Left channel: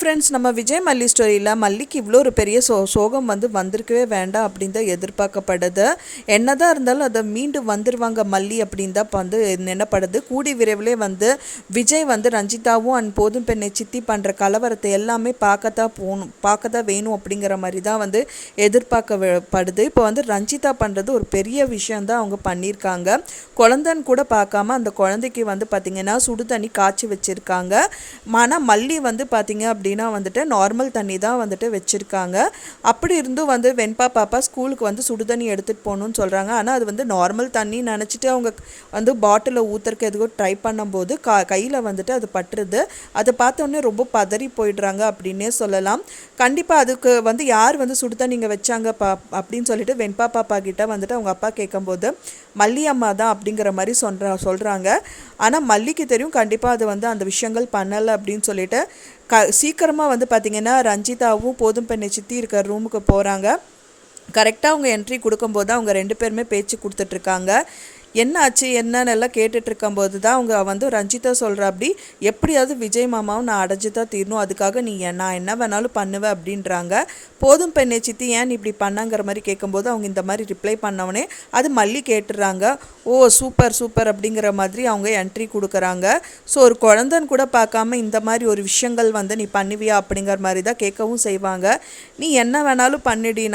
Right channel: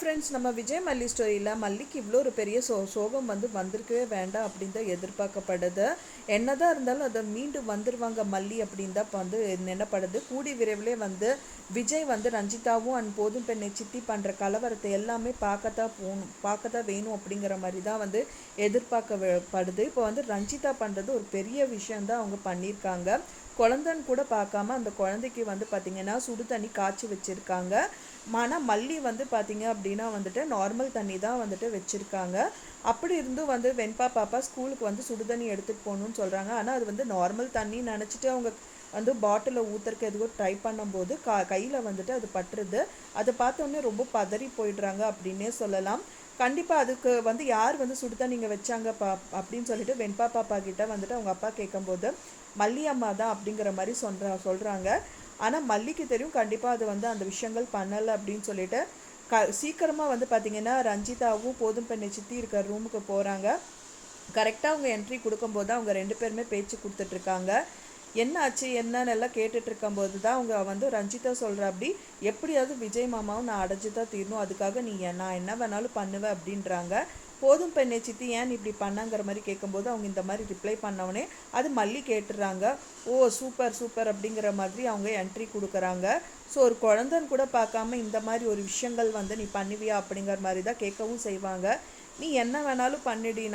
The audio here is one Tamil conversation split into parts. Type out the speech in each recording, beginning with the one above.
ஃப்ரெண்ட்ஸ், நம்ம விஜய் மல்லி ஸ்டோரியில் மல்லிக்கு இவ்வளோ ஒரு பெரிய சோகம் வந்திருக்கவே வேண்டாம் அப்படின்னு தான் எதிர்பார்க்கப்படுது. என்னதான் இருந்தாலும் அதை மீண்டும் வந்துடுவாங்க மல்லி அப்படின்னு தான் இப்போ நினைப்படுது. கூடி விரைவிலே விஜய் ரஞ்சிதாவும் அண்ட் போதும் பெண்ணை சித்தி பண்ணுற கலவரத்தை எல்லாமே பார்க்க தான் வேணும் அப்படிங்கிற மாதிரி தான் எதிர்பார்க்கப்படுது. இப்போ ரஞ்சிதா பண்ணுறது ஒரு பெரிய விஷயந்தான் அவங்க பண்ணியிருக்காங்க. குழந்தைன்னு கூட பார்க்காம அந்த குழந்தைக்கு பார்த்திங்கன்னா சுடு தண்ணி காய்ச்சி வச்சுருக்காங்க. ஆனால் மல்லி பார்த்திங்க அப்படின்னா நார்மல் தண்ணி தான் வச்சுருக்காங்க. அப்படி இருந்தும் வெண்பா பாப்பா ஸ்கூலுக்கு சுடு தண்ணி எடுத்துகிட்டு போகணுன்னு சொல்கிறாங்க. ஆனால் அது நார்மல் தண்ணி நினச்சிட்டு அவங்க பாட்டிலில் ஊற்றுறக்கு எதுவும் ட்ரை பண்ணும்போது கையில் அது பட்டுருது. அதை பார்த்தோன்னே ரொம்ப பதறி போயிடுறாங்க அப்படின்னே சொல்லலாம். கண்டிப்பாக அதுக்கு யார் சுடு தண்ணி இங்கே வச்சாங்க அப்படின்னு சொல்லிட்டு வெண்பா பாப்பா கிட்ட அவங்க அப்பா கேட்கும்போது மல்லி அம்மா தான் அப்படிங்கிற மாதிரி சொல்கிறாங்க. ஆனால் மல்லிக்கு தெரியும் கண்டிப்பாக அது அந்த விஷயங்கள் பண்ணலை அப்படின்னு சொல்லிட்டு சீக்கிரமாக பார்த்திங்கன்னா ரஞ்சிதாவும் போதும் பெண்ணை சித்தி இருக்கிற ரூமுக்கு போகிறாங்க. கரெக்டாக அவங்க என்ட்ரி கொடுக்கும்போது அவங்க 2 பேருமே பேச்சு கொடுத்துட்ருக்காங்க. என்ன ஆச்சு என்னன்னு எல்லாம் கேட்டுட்ருக்கும்போது தான் அவங்க ரஞ்சிதா சொல்கிற அப்படி எப்படியாவது விஜய் மாமாவும் நான் அடைஞ்சி தான் தீரணும், அதுக்காக நான் என்ன வேணாலும் பண்ணுவேன் அப்படின்றாங்க. போதும் பெண்ணை சித்தி ஏன் இப்படி பண்ணாங்கிற மாதிரி கேட்கும்போது அவங்க இந்த மாதிரி ரிப்ளை பண்ணவனே அது மல்லி கேட்டுறாங்க. ஓ சூப்பர் சூப்பர் அப்படிங்கிற மாதிரி அவங்க என்ட்ரி கொடுக்குறாங்க. ஸோ ஒரு குழந்தைன்னு கூட பார்க்காம இந்த மாதிரி ஒரு விஷயங்கள் நீ பண்ணுவியா அப்படிங்கிற மாதிரி தான் கேட்கவும் செய்வாங்க. நீ என்ன வேணாலும் பண்ணிடி,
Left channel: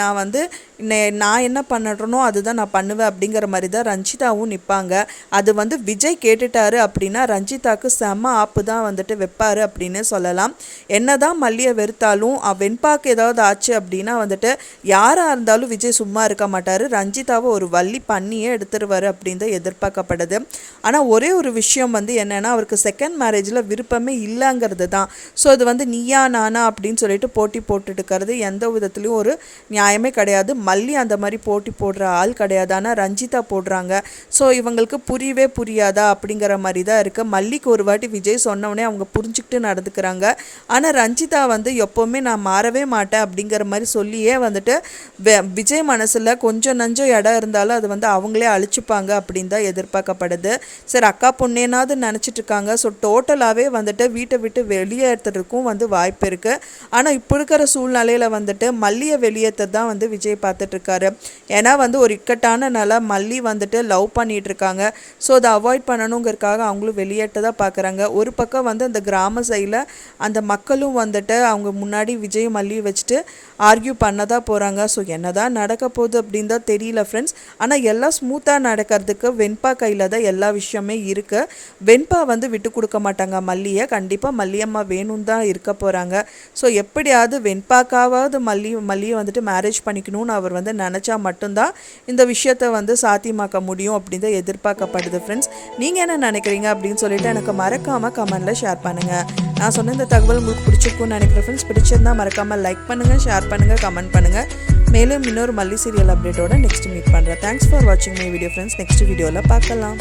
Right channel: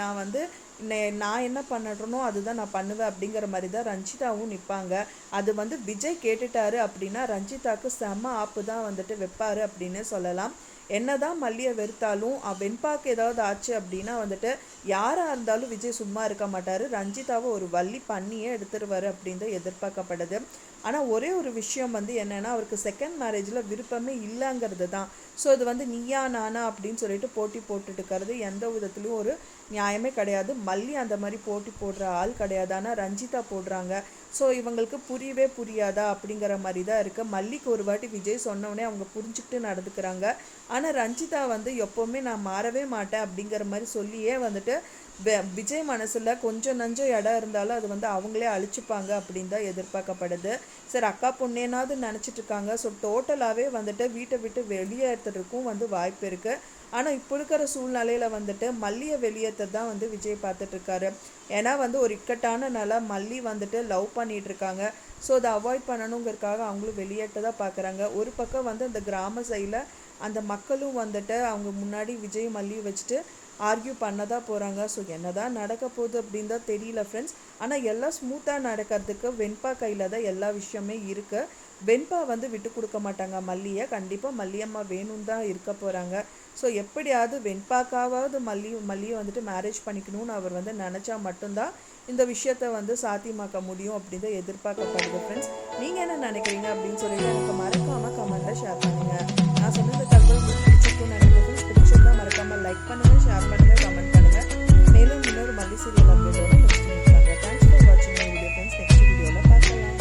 நான் என்ன பண்ணுறனோ அதுதான் நான் பண்ணுவேன் அப்படிங்கிற மாதிரி தான் ரஞ்சிதாவும் நிற்பாங்க. அது விஜய் கேட்டுட்டாரு அப்படின்னா ரஞ்சிதாவுக்கு செம்ம ஆப்பு தான் வைப்பார் அப்படின்னு சொல்லலாம். என்ன தான் மல்லியை வெறுத்தாலும் வெண்பாக்கு ஏதாவது ஆச்சு அப்படின்னா யாராக இருந்தாலும் விஜய் சும்மா இருக்க மாட்டார். ரஞ்சிதாவை ஒரு வள்ளி பண்ணியே எடுத்துருவார் அப்படின்னு தான் எதிர்பார்க்கப்படுது. ஆனால் ஒரே ஒரு விஷயம் என்னென்னா அவருக்கு செகண்ட் மேரேஜில் விருப்பமே இல்லைங்கிறது தான். ஸோ அது நீயா நானா அப்படின்னு சொல்லிட்டு போட்டி போட்டுட்டுக்கிறது எந்த விதத்துலையும் ஒரு நியாயமே கிடையாது. மல்லி அந்த மாதிரி போட்டி போடுற ஆள் கிடையாது. ஆனால் ரஞ்சிதா போடுறாங்க. ஸோ இவங்களுக்கு புரியவே புரியாதா அப்படிங்கிற மாதிரி தான் இருக்குது. மல்லிக்கு ஒரு வாட்டி விஜய் சொன்னவொடனே அவங்க புரிஞ்சுக்கிட்டு நடந்துக்கிறாங்க. ஆனால் ரஞ்சிதா எப்போவுமே நான் மாறவே மாட்டேன் அப்படிங்கிற மாதிரி சொல்லியே விஜய் மனசில் கொஞ்சம் நஞ்சம் இடம் இருந்தாலும் அது அவங்களே அழிச்சுப்பாங்க அப்படின்னு தான் எதிர்பார்க்கப்படுது. சரி அக்கா பொண்ணேனாவது நினச்சிட்டு இருக்காங்க. ஸோ டோட்டலாகவே வீட்டை விட்டு வெளியேற்றுறதுக்கும் வாய்ப்பு இருக்குது. ஆனால் இப்போ இருக்கிற சூழ்நிலையில் மல்லியை வெளியேற்ற தான் விஜய் பார்த்துட்ருக்காரு. ஏன்னா ஒரு இக்கட்டான நிலை மல்லி லவ் பண்ணிகிட்டு இருக்காங்க. ஸோ அதை அவாய்ட் பண்ணணுங்கிறதுக்காக அவங்களும் வெளியேற்ற தான் பார்க்குறாங்க. ஒரு பக்கம் அந்த கிராம சைடில் அந்த மக்களும் அவங்க முன்னாடி விஜய் மல்லி வச்சுட்டு ஆர்கியூ பண்ண தான் போகிறாங்க. ஸோ என்ன தான் நடக்க போகுது அப்படின்னு தான் தெரியல ஃப்ரெண்ட்ஸ். ஆனால் எல்லாம் ஸ்மூத்தாக நடக்கிறதுக்கு வெண்பா கையில் தான் எல்லா விஷயமே இருக்குது. வெண்பா விட்டு கொடுக்க மாட்டாங்க மல்லியை. கண்டிப்பாக மல்லியம்மா வேணும்னு தான் இருக்க போகிறாங்க. ஸோ எப்படியாவது வெண்பாக்காவது மல்லியை மேரேஜ் பண்ணிக்கணும்னு அவர் நினச்சா மட்டும்தான் இந்த விஷயத்தை சாத்தியமாக்க முடியும் அப்படின்னு தான் எதிர்பார்க்கப்படுது ஃப்ரெண்ட்ஸ். நீங்கள் என்ன நினைக்கிறீங்க அப்படின்னு சொல்லிட்டு எனக்கு மறக்காமல் கமெண்டில் ஷேர் பண்ணுங்கள். நான் சொன்ன இந்த தகவல் உங்களுக்கு பிடிச்சிருக்குன்னு நினைக்கிறேன் ஃப்ரெண்ட்ஸ். பிடிச்சிருந்தால் மறக்காமல் லைக் பண்ணுங்கள், ஷேர் பண்ணுங்கள், கமெண்ட் பண்ணுங்கள். மேலும் இன்னொரு மல்லி சீரியல் அப்டேட்டோட நெக்ஸ்ட் மீட் பண்ணுறேன். தேங்க்ஸ் ஃபார் வாட்சிங் மை வீடியோ ஃப்ரெண்ட்ஸ். நெக்ஸ்ட் வீடியோவில் பார்க்கலாம்.